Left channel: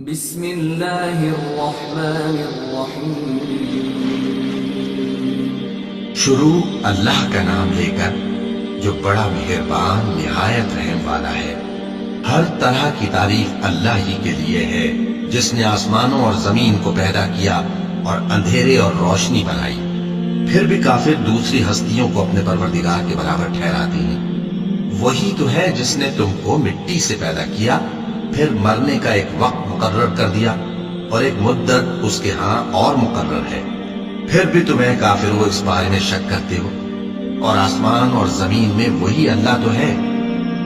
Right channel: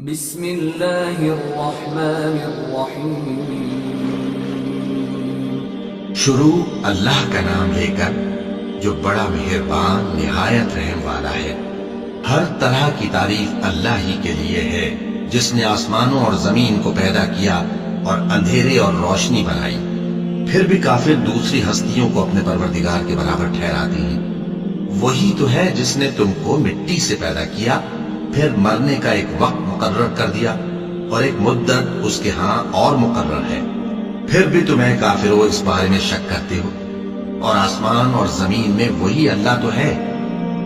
بسم اللہ الرحمن الرحیم۔ شروع اللہ کا نام لے کر جو بڑا مہربان نہایت رحم والا ہے۔ ہر طرح کی تعریف اللہ ہی کے لیے ہے جس نے آسمانوں اور زمین کو پیدا کیا اور اندھیرے اور روشنی بنائی۔ پھر بھی کافر دوسری ہستیوں کو اپنے پروردگار کے برابر ٹھہراتے ہیں۔ وہی تو ہے جس نے تم کو مٹی سے پیدا کیا، پھر مرنے کا ایک وقت مقرر کر دیا اور ایک مدت اس کے ہاں اور مقرر ہے۔ پھر بھی تمہیں کافروں اس بارے میں شک کرتے ہو، اور آسمان اور زمین میں وہی اللہ تو ہے۔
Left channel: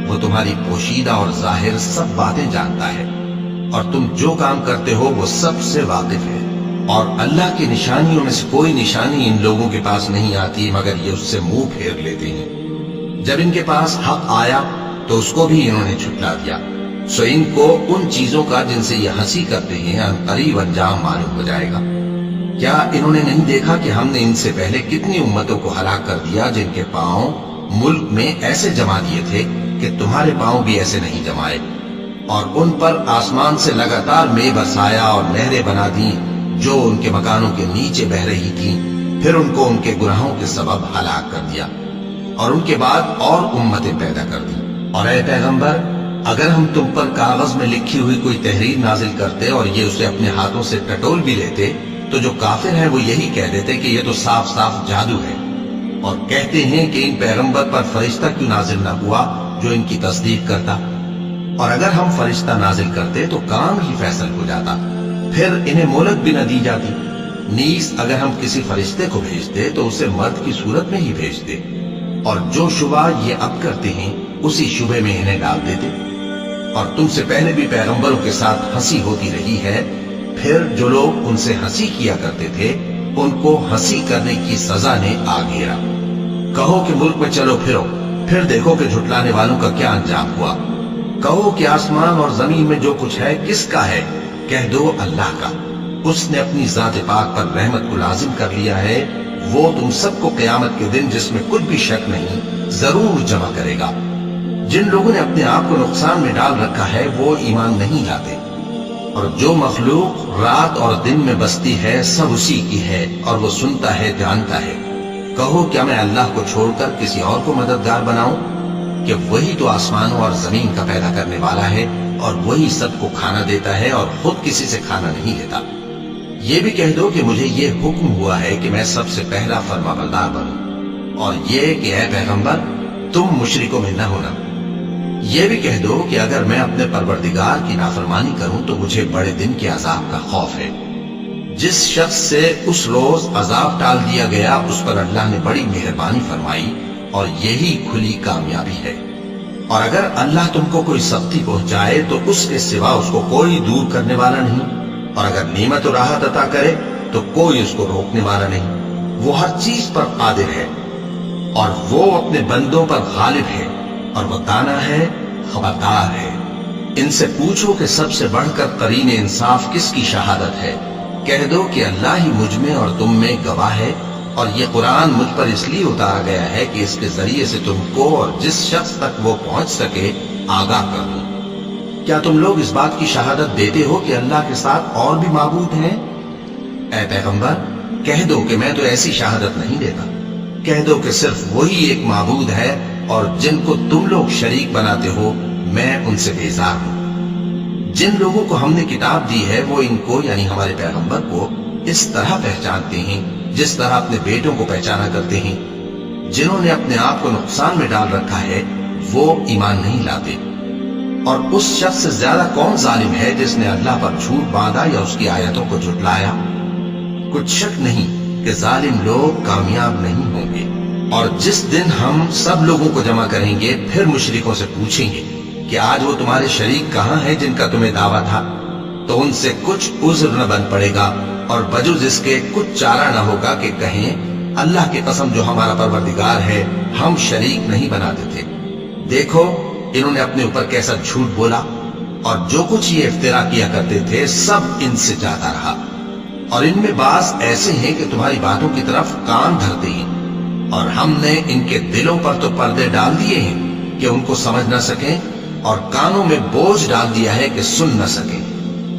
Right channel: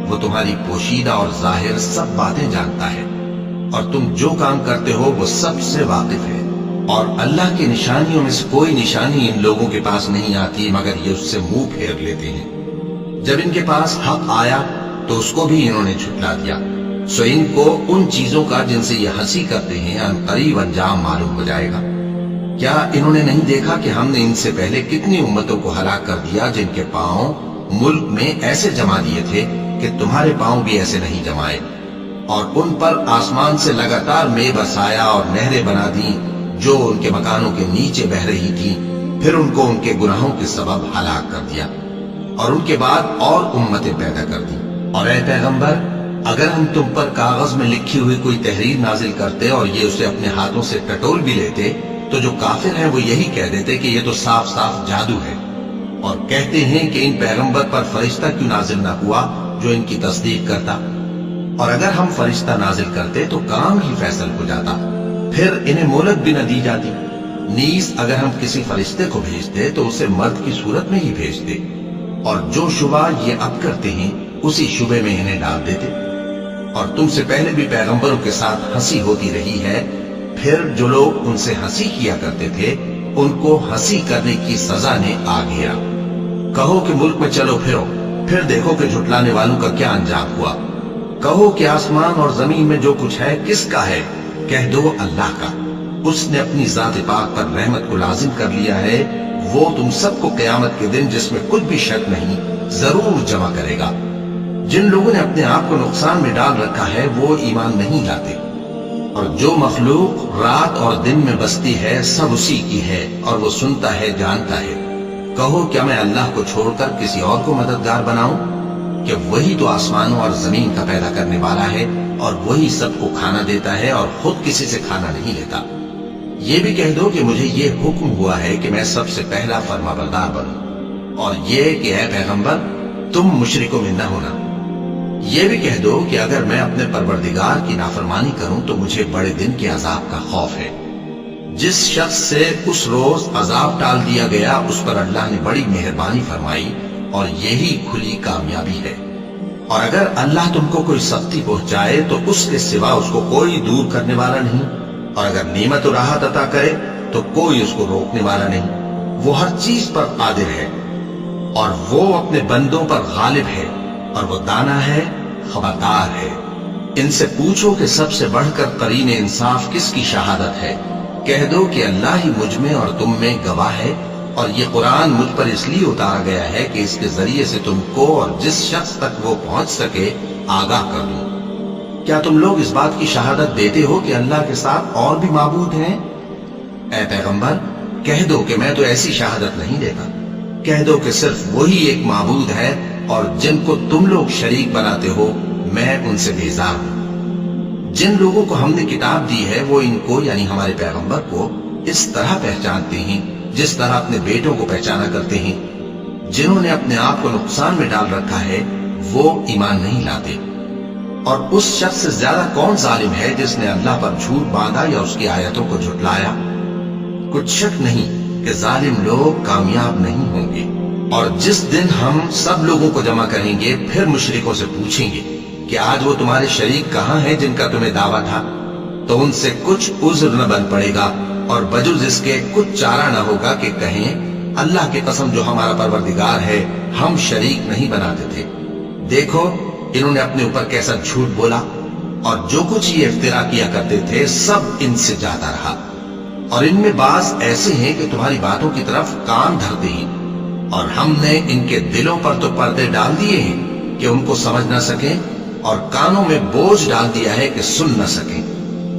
وہ تمہاری پوشیدہ اور ظاہر سب باتیں جانتا ہے، اور تم جو کام کرتے ہو وہ سب سے واقف ہے۔ اور اللہ کی نشانیوں میں سے کوئی نشانی ان لوگوں کے پاس نہیں آتی مگر یہ اس سے منہ پھیر لیتے ہیں۔ جب ان کے پاس حق آیا تو اس کو بھی انہوں نے جھٹلا دیا، سو ان کو ان چیزوں کا جن سے یہ ہنسی کرتے ہیں ان قریب انجام معلوم ہو جائے گا۔ کیا انہوں نے نہیں دیکھا کہ ہم نے ان سے پہلے کتنی امتوں کو ہلاک کر دیا جن کے پاؤں ملک میں ایسے جما دیے تھے کہ تمہارے پاؤں بھی ایسے نہیں جمائے، اور ان پر آسمان سے لگاتار مے برسایا اور نہریں بنا دیں جو ان کے مکانوں کے نیچے بہہ رہی تھیں، پھر ان کو ان کے گناہوں کے سبب ہلاک کر دیا، اور ان کے بعد اور امتیں پیدا کر دیں۔ اور اے پیغمبر، اگر ہم تم پر کاغذ میں لکھی ہوئی کوئی تحریر نازل کرتے اور یہ اسے اپنے ہاتھوں سے ٹٹول بھی لیتے تو جو کافر ہیں وہ یہی کہہ دیتے کہ یہ تو صاف صاف جادو ہے، اور کہتے ہیں کہ ان پیغمبر پر فرشتہ کیوں نازل نہ ہوا جو ان کی تصدیق کرتا، اور اگر ہم فرشتہ نازل کرتے تو کام ہی فیصل ہو جاتا، پھر انہیں مہلت بھی نہ دی جاتی۔ نیز اگر ہم کسی فرشتے کو بھیجتے تو اسے مرد کی صورت میں ہی بھیجتے، اور جو شبہ یہ اب کرتے ہیں اسی شبے میں انہیں ڈال دیتے۔ اور تم سے پہلے بھی پیغمبروں کے ساتھ ہنسی ہوتی رہی ہے، پھر جو لوگ ان سے ہنسی کیا کرتے تھے ان کو ہنسی کرنے کی سزا نے آ گھیرا۔ کہو کہ ملک میں چلو پھرو، پھر دیکھو کہ جھٹلانے والوں کا کیا انجام ہوا۔ کہو کہ آسمان اور زمین میں جو کچھ ہے کس کا ہے؟ کہہ دو اللہ کا۔ اس نے اپنی ذات پاک پر رحمت کو لازم کر لیا ہے۔ وہ تم سب کو قیامت کے دن جس میں کچھ بھی شک نہیں ضرور جمع کرے گا۔ جن لوگوں نے اپنے آپ کو نقصان میں ڈال رکھا ہے وہ ایمان نہیں لاتے، اور جو مخلوق رات اور دن میں بستی ہے سب اسی کی ہے، اور وہ سنتا ہے جانتا ہے۔ کہو کیا میں اللہ کو چھوڑ کر کسی اور کو مددگار بناؤں؟ کہ وہی تو آسمانوں اور زمین کا پیدا کرنے والا ہے، اور وہی سب کو کھانا دیتا ہے اور خود کسی سے کھانا نہیں لیتا۔ یہ بھی کہہ دو کہ مجھے یہ حکم ہوا ہے کہ میں سب سے پہلا فرما بردار بنوں، اور یہ کہ اے پیغمبر تم مشرکوں میں نہ ہونا۔ یہ بھی کہہ دو کہ اگر میں اپنے پروردگار کی نافرمانی کروں تو مجھے بڑے دن کے عذاب کا خوف ہے۔ جس شخص سے اس روز عذاب ٹال دیا گیا اس پر اللہ نے بڑی مہربانی فرمائی، اور یہی کھلی کامیابی ہے۔ اور اگر اللہ تم کو کوئی سختی پہنچائے تو اس کے سوا اس کو کوئی دور کرنے والا نہیں، اور اگر نعمت و راحت عطا کرے تو کوئی اس کو روکنے والا نہیں۔ وہ ہر چیز پر قادر ہے، اور وہ اپنے بندوں پر غالب ہے، اور وہ دانا ہے، خبردار ہے۔ ان سے پوچھو کہ سب سے بڑھ کر قرین انصاف کس کی شہادت ہے؟ کہہ دو کہ اللہ ہی مجھ میں اور تم میں گواہ ہے، اور یہ قرآن مجھ پر اس لیے اتارا گیا ہے کہ اس کے ذریعے سے تم کو اور جس شخص تک وہ پہنچ سکے آگاہ کر دوں۔ کیا تم لوگ اس بات کی شہادت دیتے ہو کہ اللہ کے ساتھ اور بھی معبود ہیں؟ اے پیغمبر کہہ دو کہ میں تو ایسی شہادت نہیں دیتا۔ کہہ دو کہ صرف وہی ایک معبود ہے، اور جن کو تم لوگ شریک بناتے ہو میں ان سے بیزار ہوں۔ جن لوگوں کو ہم نے کتاب دی ہے وہ ان کو یعنی ہمارے پیغمبر کو اس طرح پہچانتے ہیں جس طرح اپنے بیٹوں کو پہچانا کرتے ہیں۔ جنہوں نے اپنے آپ کو نقصان میں ڈال رکھا ہے وہ ایمان نہیں لاتے۔ اور اس شخص سے زیادہ کون ظالم ہے جس نے اللہ پر جھوٹ باندھا یا اس کی آیتوں کو جھٹلایا؟ کچھ شک نہیں کہ ظالم لوگ کامیاب نہیں ہوں گے۔ اور جس دن ہم سب لوگوں کو جمع کریں گے پھر مشرکوں سے پوچھیں گے کہ آج وہ تمہارے شریک کہاں ہیں جن کا تمہیں دعویٰ تھا؟ تو ان سے کچھ عذر نہ بن پڑے گا، اور بجز اس کے کچھ چارہ نہ ہوگا کہ کہیں اللہ کی قسم جو ہمارا پروردگار ہے ہم شریک نہیں بناتے تھے۔ دیکھو انہوں نے اپنے اوپر کیسا جھوٹ بولا، اور جو کچھ یہ افترا کیا کرتے تھے سب ان سے جاتا رہا۔ اور ان میں بعض ایسے ہیں کہ تمہاری باتوں کی طرف کان دھرتے ہیں، اور ہم نے ان کے دلوں پر تو پردے ڈال دیے ہیں کہ ان کو سمجھ نہ سکیں، اور کانوں میں بوجھ ڈال دیا ہے کہ سن نہ سکیں۔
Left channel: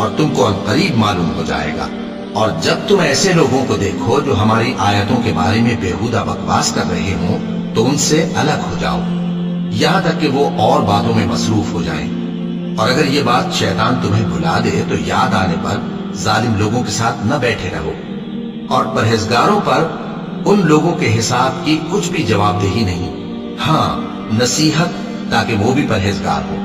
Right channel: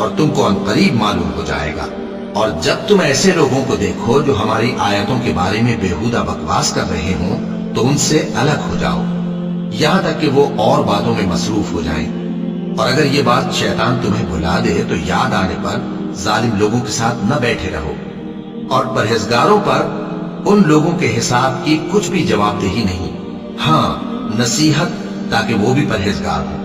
اور تم کو عنقریب معلوم ہو جائے گا۔ اور جب تم ایسے لوگوں کو دیکھو جو ہماری آیتوں کے بارے میں بےہودہ بکواس کر رہے ہوں تو ان سے الگ ہو جاؤ، یہاں تک کہ وہ اور باتوں میں مصروف ہو جائیں۔ اور اگر یہ بات شیطان تمہیں بھلا دے تو یاد آنے پر ظالم لوگوں کے ساتھ نہ بیٹھے رہو، اور پرہیزگاروں پر ان لوگوں کے حساب کی کچھ بھی جواب دہی نہیں، ہاں نصیحت تاکہ وہ بھی پرہیزگار ہو۔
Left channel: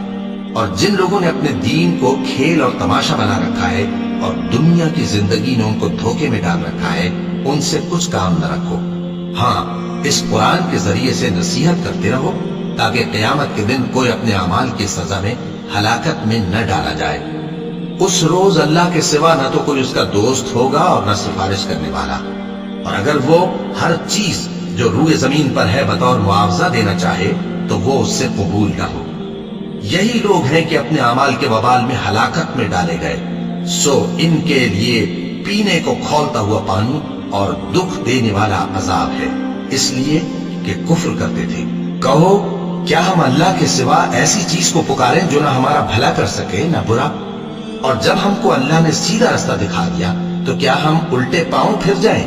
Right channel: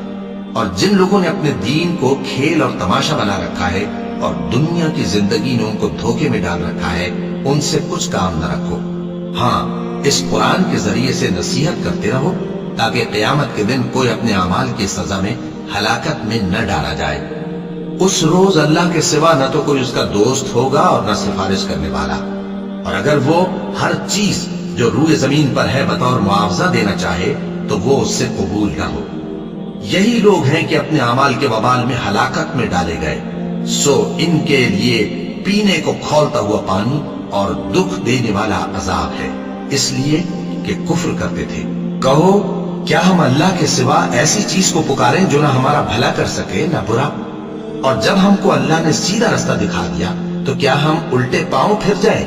اور جن لوگوں نے اپنے دین کو کھیل اور تماشا بنا رکھا ہے اور دنیا کی زندگی نے ان کو دھوکے میں ڈال رکھا ہے، ان سے کچھ کام نہ رکھو، ہاں اس قرآن کے ذریعے سے نصیحت کرتے رہو تاکہ قیامت کے دن کوئی اپنے اعمال کی سزا میں ہلاکت میں نہ ڈالا جائے۔ اس روز اللہ کے سوا نہ تو کوئی اس کا دوست ہوگا اور نہ سفارش کرنے والا، اور اگر وہ ہر چیز جو روئے زمین پر ہے بطور معاوضہ دینا چاہے تو وہ اس سے قبول نہ ہو۔ یہی لوگ ہیں کہ اپنے اعمال کے وبال میں ہلاکت میں ڈالے گئے، سو ان کے لیے پینے کو کھولتا ہوا پانی اور دکھ دینے والا عذاب ہے، اس لیے کہ کفر کرتے تھے۔ کہو کیا ہم اللہ کے سوا ایسی چیز کو پکاریں جو نہ ہمارا بھلا کر سکے نہ برا؟ اور جب ہم کو اللہ نے سیدھا رستہ دکھا دیا تو کیا ہم الٹے پاؤں پھر جائیں؟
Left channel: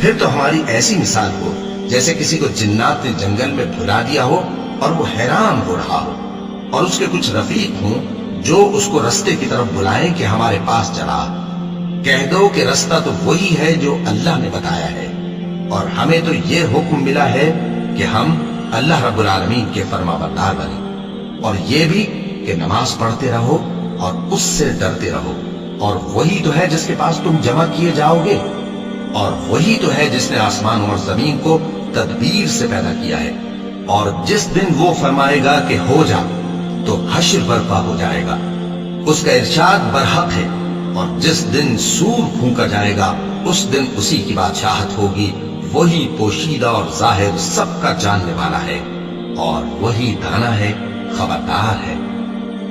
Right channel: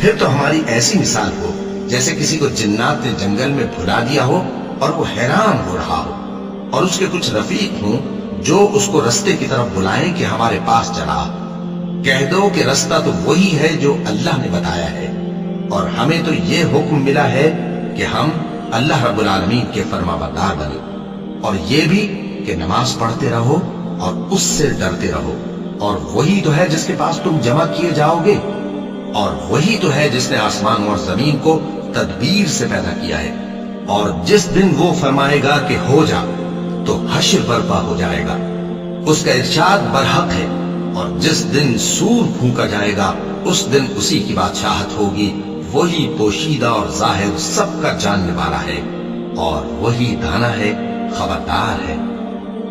پھر تو ہماری ایسی مثال ہو جیسے کسی کو جنات نے جنگل میں بھلا دیا ہو اور وہ حیران ہو رہا ہو، اور اس کے کچھ رفیق ہوں جو اس کو رستے کی طرف بلائیں کہ ہمارے پاس چلا۔ کہہ دو کہ رستہ تو وہی ہے جو اللہ نے بتایا ہے، اور ہمیں تو یہ حکم ملا ہے کہ ہم اللہ رب العالمین کے فرما بردار بنیں، اور یہ بھی کہ نماز پڑھتے رہو اور اس سے ڈرتے رہو، اور وہی تو ہے جس کے پاس تم جمع کیے جاؤ گے، اور وہی تو ہے جس نے آسمان اور زمین کو تدبیر سے پیدا کیا ہے، اور جس دن وہ فرمائے گا کہ ہو جا تو حشر برپا ہو جائے گا، اس کا ارشاد برحق ہے، اور جس دن سور پھونکا جائے گا اس دن اسی کی بادشاہت ہوگی، وہی پوشیدہ اور ظاہر سب کا جاننے والا ہے، اور وہی دانا ہے، خبردار ہے۔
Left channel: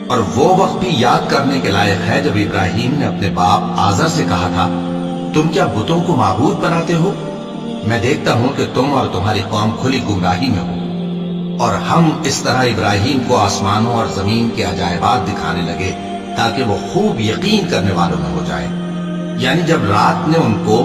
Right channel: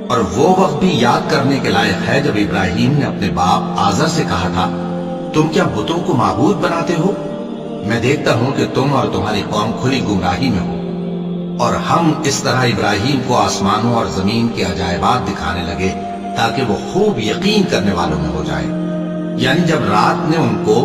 اور وہ وقت بھی یاد کرنے کے لائق ہے جب ابراہیم نے اپنے باپ آزر سے کہا تھا، تم کیا بتوں کو معبود بناتے ہو؟ میں دیکھتا ہوں کہ تم اور تمہاری قوم کھلی گمراہی میں ہو۔ اور ہم اس طرح ابراہیم کو آسمانوں اور زمین کے عجائبات دکھانے لگے تاکہ وہ خوب یقین کرنے والوں میں ہو جائے۔ یعنی جب رات نے ان کو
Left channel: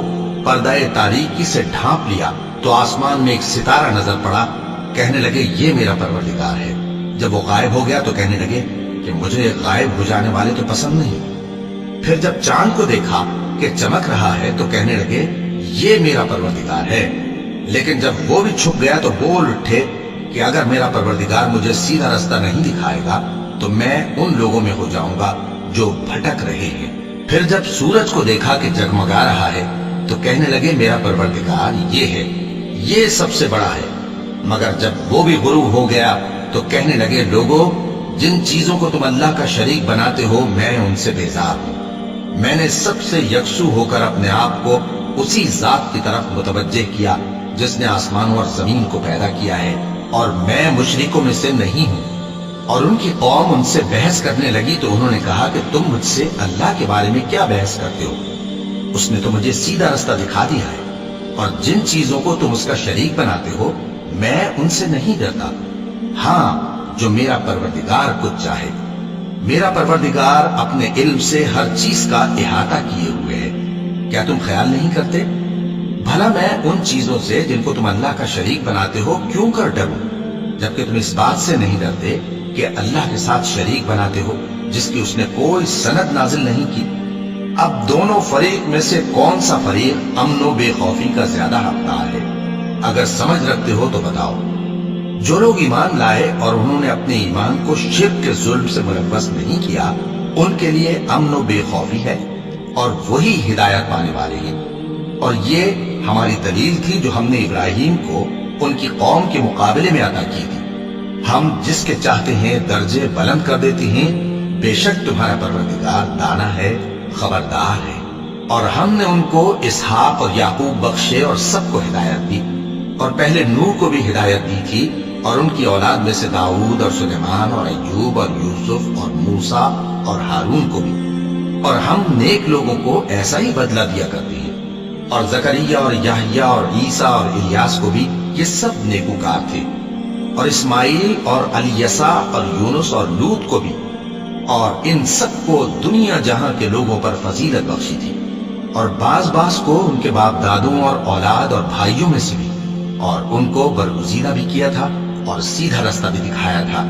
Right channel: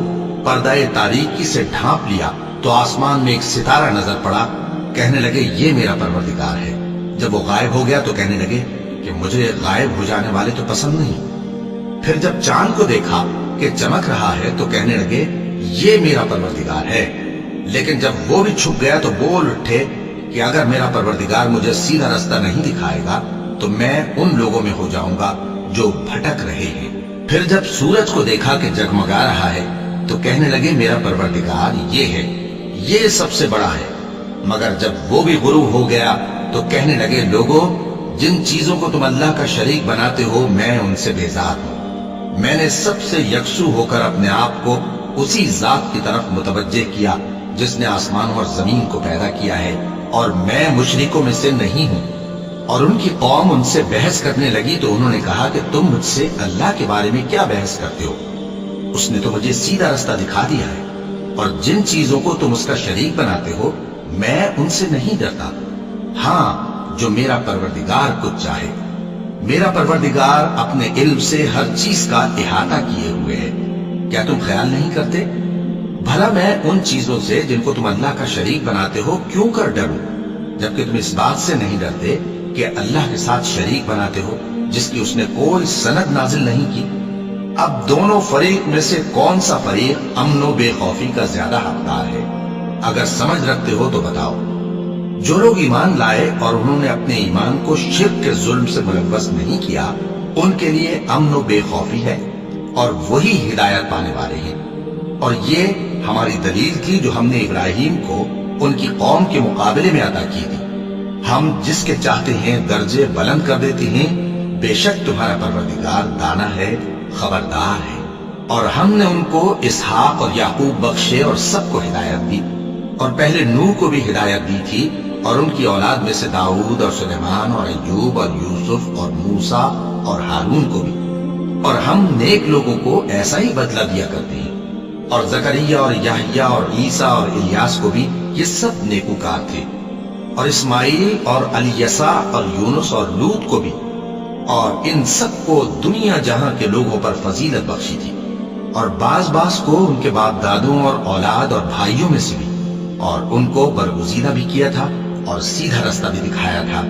پردہ تاریکی سے ڈھانپ لیا تو آسمان میں ایک ستارہ نظر پڑا، کہنے لگے یہ میرا پروردگار ہے۔ جب وہ غائب ہو گیا تو کہنے لگے کہ مجھے غائب ہو جانے والے تو پسند نہیں۔ پھر جب چاند کو دیکھا کہ چمک رہا ہے تو کہنے لگے یہ میرا پروردگار ہے۔ لیکن جب وہ بھی چھپ گیا تو بول اٹھے کہ اگر میرا پروردگار مجھے سیدھا رستہ نہیں دکھائے گا تو میں ان لوگوں میں ہو جاؤں گا جو بھٹک رہے ہیں۔ پھر جب سورج کو دیکھا کہ جگمگا رہا ہے تو کہنے لگے میرا پروردگار یہ ہے، یہ سب سے بڑا ہے۔ مگر جب وہ بھی غروب ہو گیا تو کہنے لگے لوگو، جن چیزوں کو تم اللہ کا شریک بناتے ہو میں ان سے بیزار ہوں۔ میں نے سب سے یکسو ہو کر اپنے آپ کو اسی ذات کی طرف متوجہ کیا جس نے آسمانوں اور زمین کو پیدا کیا ہے، اور میں مشرکوں میں سے نہیں ہوں۔ اور ان کی قوم ان سے بحث کرنے لگی تو انہوں نے کہا کہ تم مجھ سے اللہ کے بارے میں کیا بحث کرتے ہو؟ اس نے تو مجھے سیدھا رستہ دکھا دیا ہے، اور جن چیزوں کو تم اس کا شریک بناتے ہو میں ان سے نہیں ڈرتا، ہاں جو میرا پروردگار کچھ چاہے۔ میرا پروردگار اپنے علم سے ہر چیز کا احاطہ کیے ہوئے ہے۔ کیا تم خیال نہیں کرتے؟ بھلا میں ان چیزوں سے جن کو تم اللہ کا شریک بناتے ہو کیوں کر ڈروں، جبکہ تم اس بات سے نہیں ڈرتے کہ اللہ کے ساتھ شریک بناتے ہو جس کی اس نے کوئی سند نازل نہیں کی۔ اب دونوں فریق میں سے کون سا فریق امن و بے خوفی کا زیادہ حقدار ہے؟ اگر سمجھ رکھتے ہو تو بتاؤ۔ جو لوگ ایمان لائے اور انہوں نے اپنے ایمان کو شرک کے ظلم سے ملوث نہیں کیا، ان کے لیے امن و بے خوفی ہے، اور وہی ہدایت پانے والے ہیں۔ اور یہ ہماری دلیل تھی جو ہم نے ابراہیم کو ان کی قوم کے مقابلے میں عطا کی تھی۔ ہم جس کے چاہتے ہیں درجے بلند کر دیتے ہیں، بے شک تمہارا پروردگار دانا ہے، خبردار ہے۔ اور ہم نے ان کو اسحاق اور یعقوب بخشے اور سب کو ہدایت دی، اور پہلے نوح کو بھی ہدایت دی تھی، اور ان کی اولاد میں سے داؤد اور سلیمان اور ایوب اور یوسف اور موسیٰ اور ہارون کو بھی۔ اور ہم نیک لوگوں کو ایسا ہی بدلہ دیا کرتے ہیں، اور زکریا اور یحییٰ اور عیسیٰ اور الیاس کو بھی، یہ سب نیکوکار تھے، اور اسماعیل اور الیسع اور یونس اور لوط کو بھی، اور ان سب کو دنیا جہاں کے لوگوں پر فضیلت بخشی تھی، اور بعض کو ان کے باپ دادوں اور اولاد اور بھائیوں میں سے بھی، اور ان کو برگزیدہ بھی کیا تھا اور سیدھا رستہ بھی دکھایا تھا۔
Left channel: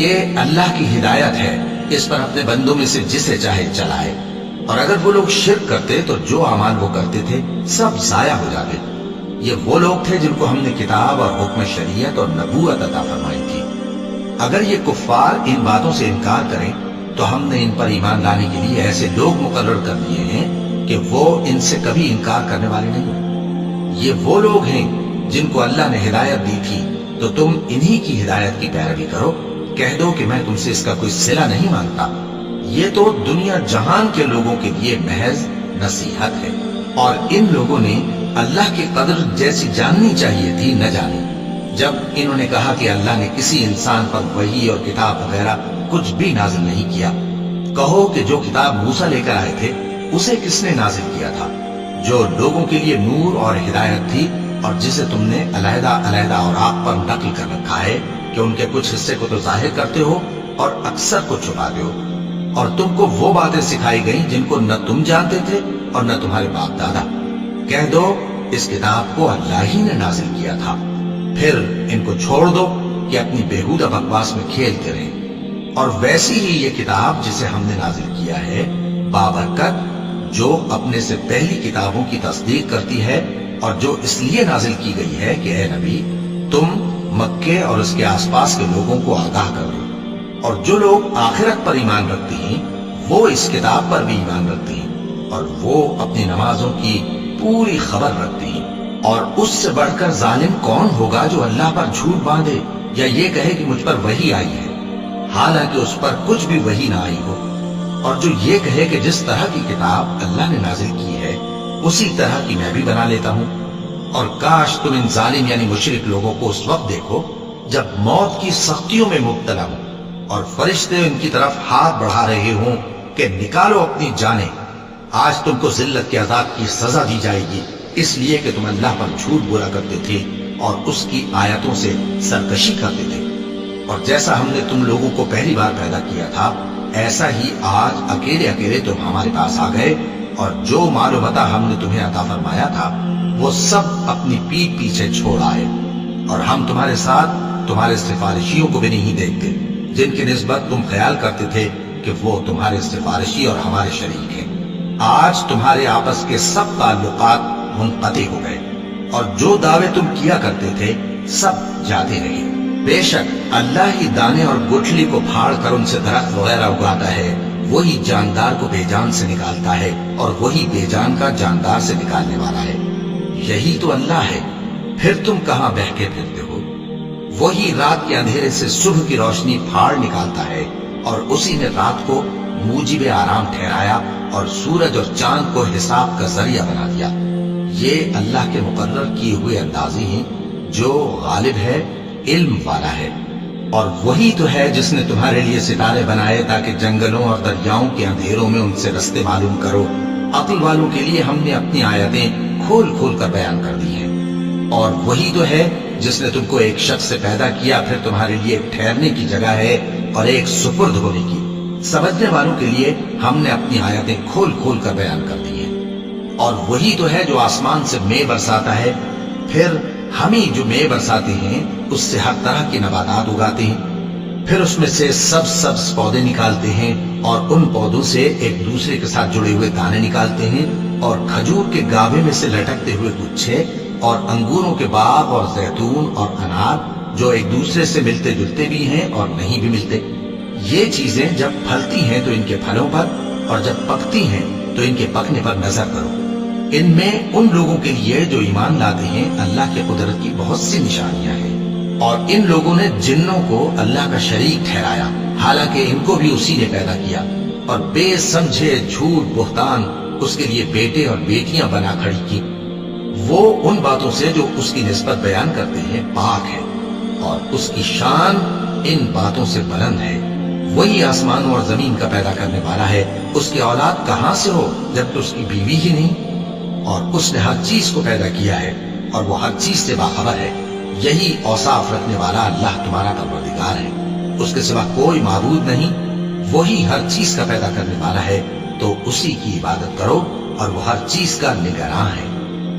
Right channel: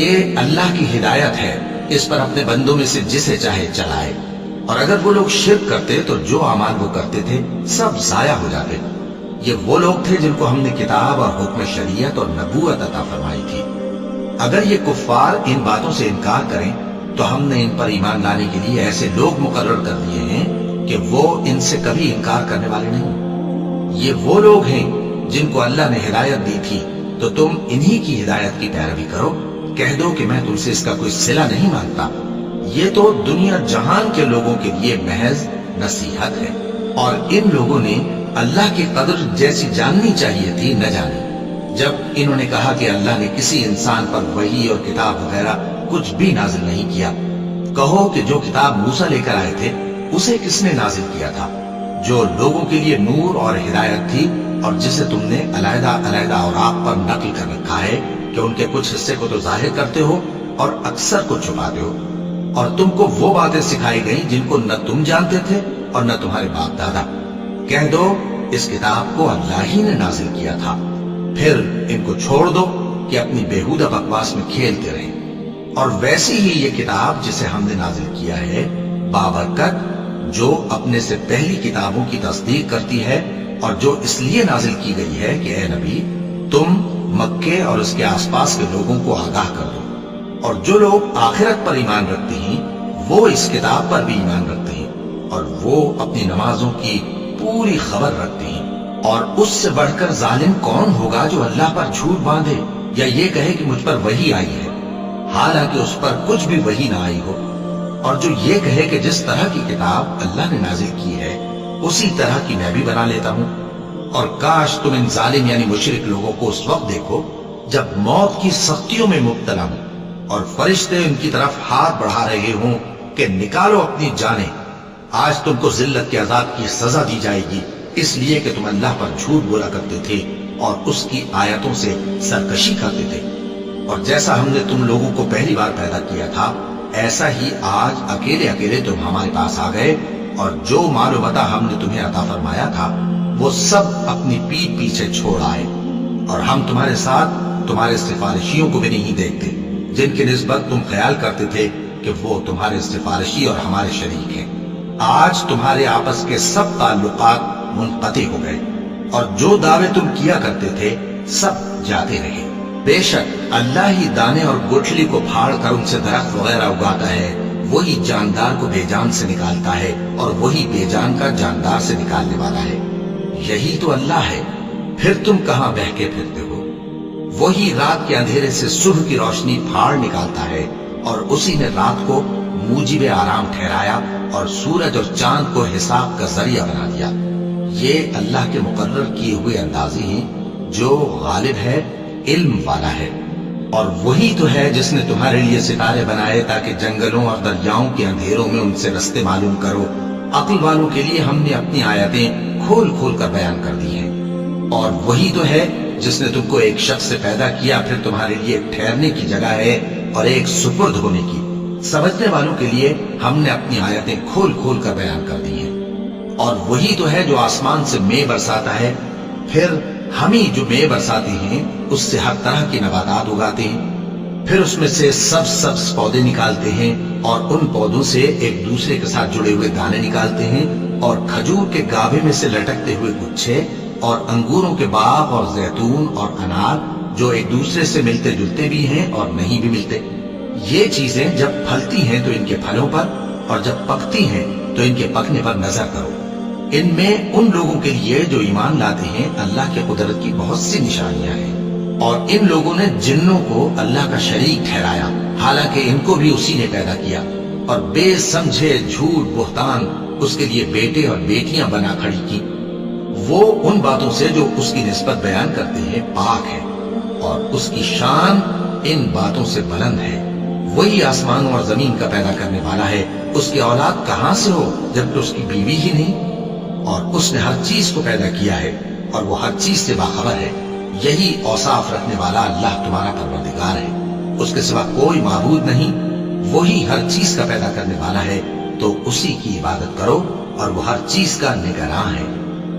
یہ اللہ کی ہدایت ہے، اس پر اپنے بندوں میں سے جسے چاہے چلائے۔ اور اگر وہ لوگ شرک کرتے تو جو اعمال وہ کرتے تھے سب ضائع ہو جاتے۔ یہ وہ لوگ تھے جن کو ہم نے کتاب اور حکم شریعت اور نبوت عطا فرمائی تھی۔ اگر یہ کفار ان باتوں سے انکار کریں تو ہم نے ان پر ایمان لانے کے لیے ایسے لوگ مقرر کر دیے ہیں کہ وہ ان سے کبھی انکار کرنے والے نہیں۔ یہ وہ لوگ ہیں جن کو اللہ نے ہدایت دی تھی، تو تم انہی کی ہدایت کی پیروی کرو۔ کہہ دو کہ میں تم سے اس کا کوئی صلہ نہیں مانگتا، یہ تو دنیا جہان کے لوگوں کے لیے محض نصیحت ہے۔ اور ان لوگوں نے اللہ کی قدر جیسی جاننی چاہیے تھی نہ جانی۔ جب انہوں نے کہا کہ اللہ نے کسی انسان پر وحی اور کتاب وغیرہ کچھ بھی نازل نہیں کیا، کہو کہ جو کتاب موسیٰ لے کر آئے تھے اسے کس نے نازل کیا تھا، جو لوگوں کے لیے نور اور ہدایت تھی، اور جسے تم نے علیحدہ علیحدہ اوراق پر نقل کر رکھا ہے کہ ان کے کچھ حصے کو تو ظاہر کرتے ہو اور اکثر کو چھپاتے ہو۔ اور تم کو وہ باتیں سکھائی گئیں جن کو نہ تم جانتے تھے اور نہ تمہارے باپ دادا۔ کہہ دو اس کتاب کو اللہ ہی نے نازل کیا تھا، پھر ان کو چھوڑ دو کہ اپنی بیہودہ بکواس میں کھیلتے رہیں۔ اور ویسی ہی یہ کتاب جسے ہم نے نازل کیا ہے بابرکت، جو اپنے سے پہلی کتابوں کی تصدیق کرتی ہے، اور جو اس لیے نازل کی گئی ہے کہ اے نبی تم مکے اور اس کے آس پاس کے لوگوں کو آگاہ کر دو۔ اور جو لوگ آخرت پر ایمان رکھتے ہیں وہ اس کتاب پر بھی ایمان رکھتے ہیں، اور وہ اپنی نمازوں کی پوری خبر رکھتے ہیں۔ اور اس سے بڑھ کر ظالم کون ہوگا جو اللہ پر جھوٹ باندھے یا یہ کہے کہ مجھ پر وحی آئی ہے، حالانکہ اس پر کچھ بھی وحی نہ آئی ہو، اور جو یہ کہے کہ جس طرح کی کتاب اللہ نے نازل کی ہے اسی طرح کی میں بھی بنا لیتا ہوں۔ اور کاش تم ان ظالم یعنی مشرک لوگوں کو اس وقت دیکھو جب موت کی سختیوں میں مبتلا ہوں اور فرشتے ان کی طرف ہاتھ بڑھا رہے ہوں کہ نکالو اپنی جانیں، آج تم کو ذلت کے عذاب کی سزا دی جائے گی، اس لیے کہ تم اللہ پر جھوٹ بولا کرتے تھے اور اس کی آیتوں سے سرکشی کرتے تھے۔ اور جیسا ہم نے تم لوگوں کو پہلی بار پیدا کیا تھا ایسا ہی آج اکیلے اکیلے تم ہمارے پاس آ گئے، اور جو مال و متاع ہم نے تمہیں عطا فرمایا تھا وہ سب اپنی پیٹھ پیچھے چھوڑ آئے، اور ہم تمہارے ساتھ تمہارے سفارشیوں کو بھی نہیں دیکھتے جن کی نسبت تم خیال کرتے تھے کہ وہ تمہارے سفارشی اور ہمارے شریک ہیں۔ آج تمہارے آپس کے سب تعلقات منقطع ہو گئے، اور جو دعوے تم کیا کرتے تھے سب جاتے رہے۔ بے شک اللہ ہی دانے اور گٹھلی کو پھاڑ کر ان سے درخت وغیرہ اگاتا ہے، وہی جاندار کو بے جان سے نکالتا ہے اور وہی بے جان کا جاندار سے نکالنے والا ہے۔ یہی تو اللہ ہے، پھر تم کہاں بہکے پھرتے ہو؟ وہی رات کے اندھیرے سے صبح کی روشنی پھاڑ نکالتا ہے، اور اسی نے رات کو موجب آرام ٹھہرایا اور سورج اور چاند کو حساب کا ذریعہ بنا دیا۔ یہ اللہ کے مقرر کیے ہوئے اندازے ہیں، جو غالب ہے، علم والا ہے۔ اور وہی تو ہے جس نے تمہارے لیے ستارے بنائے تاکہ جنگلوں اور دریاؤں کے اندھیروں میں ان سے رستے معلوم کرو۔ عقل والوں کے لیے ہم نے اپنی آیتیں کھول کھول کر بیان کر دی ہیں۔ اور وہی تو ہے جس نے تم کو ایک شخص سے پیدا کیا، پھر تمہارے لیے ایک ٹھہرنے کی جگہ ہے اور ایک سپرد ہونے کی۔ سمجھنے والوں کے لیے ہم نے اپنی آیتیں کھول کھول کر بیان کر دی ہیں۔ اور وہی تو ہے جو آسمان سے مے برساتا ہے، پھر ہم ہی جو مے برساتے ہیں اس سے ہر طرح کی نباتات اگاتے ہیں، پھر اس میں سے سبز پودے نکالتے ہیں، اور ان پودوں سے ایک دوسرے کے ساتھ جڑے ہوئے دانے نکالتے ہیں، اور کھجور کے گاھے میں سے لٹکتے ہوئے گچھے، اور انگوروں کے باغ اور زیتون اور انار جو ایک دوسرے سے ملتے جلتے بھی ہیں اور نہیں بھی ملتے۔ یہ چیزیں جب پھلتی ہیں تو ان کے پھلوں پر، اور جب پکتی ہیں تو ان کے پکنے پر نظر کرو۔ ان میں ان لوگوں کے لیے جو ایمان لاتے ہیں اللہ کی قدرت کی بہت سی نشانیاں ہیں۔ اور ان لوگوں نے جنوں کو اللہ کا شریک ٹھہرایا، حالانکہ ان کو بھی اسی نے پیدا کیا، اور بے سمجھے جھوٹ بہتان اس کے لیے بیٹے اور بیٹیاں بنا کھڑی کی۔ وہ ان باتوں سے جو اس کی نسبت بیان کرتے ہیں پاک ہے، اور اس کی شان ان باتوں سے بلند ہے۔ وہی آسمانوں اور زمین کا پیدا کرنے والا ہے، اس کی اولاد کہاں سے ہو جبکہ اس کی بیوی ہی نہیں؟ اور اس نے ہر چیز کو پیدا کیا ہے، اور وہ ہر چیز سے باخبر ہے۔ یہی اوصاف رکھنے والا اللہ تمہارا پروردگار ہے، اس کے سوا کوئی معبود نہیں، وہی ہر چیز کا پیدا کرنے والا ہے، تو اسی کی عبادت کرو، اور وہ ہر چیز کا نگراں ہے۔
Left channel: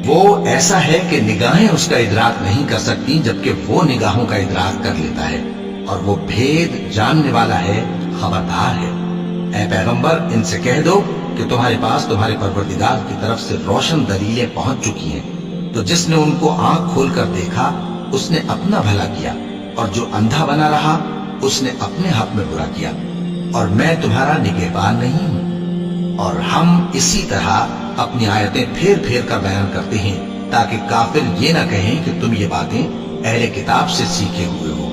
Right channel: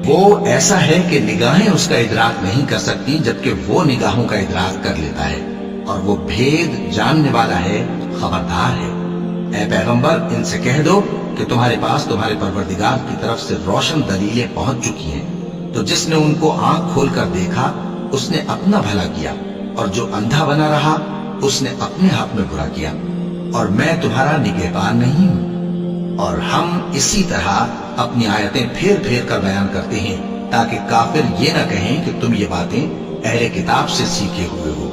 وہ ایسا ہے کہ نگاہیں اس کا ادراک نہیں کر سکتی، جبکہ وہ نگاہوں کا ادراک کر لیتا ہے، اور وہ بھید جاننے والا ہے، خبردار ہے۔ اے پیغمبر، ان سے کہہ دو کہ تمہارے پاس تمہارے پروردگار کی طرف سے روشن دلیلیں پہنچ چکی ہیں، تو جس نے ان کو آنکھ کھول کر دیکھا اس نے اپنا بھلا کیا، اور جو اندھا بنا رہا اس نے اپنے حق میں برا کیا، اور میں تمہارا نگہبان نہیں ہوں۔ اور ہم اسی طرح اپنی آیتیں پھیر پھیر کر بیان کرتے ہیں، تاکہ کافر یہ نہ کہیں کہ تم یہ باتیں اہل کتاب سے سیکھے ہوئے ہو،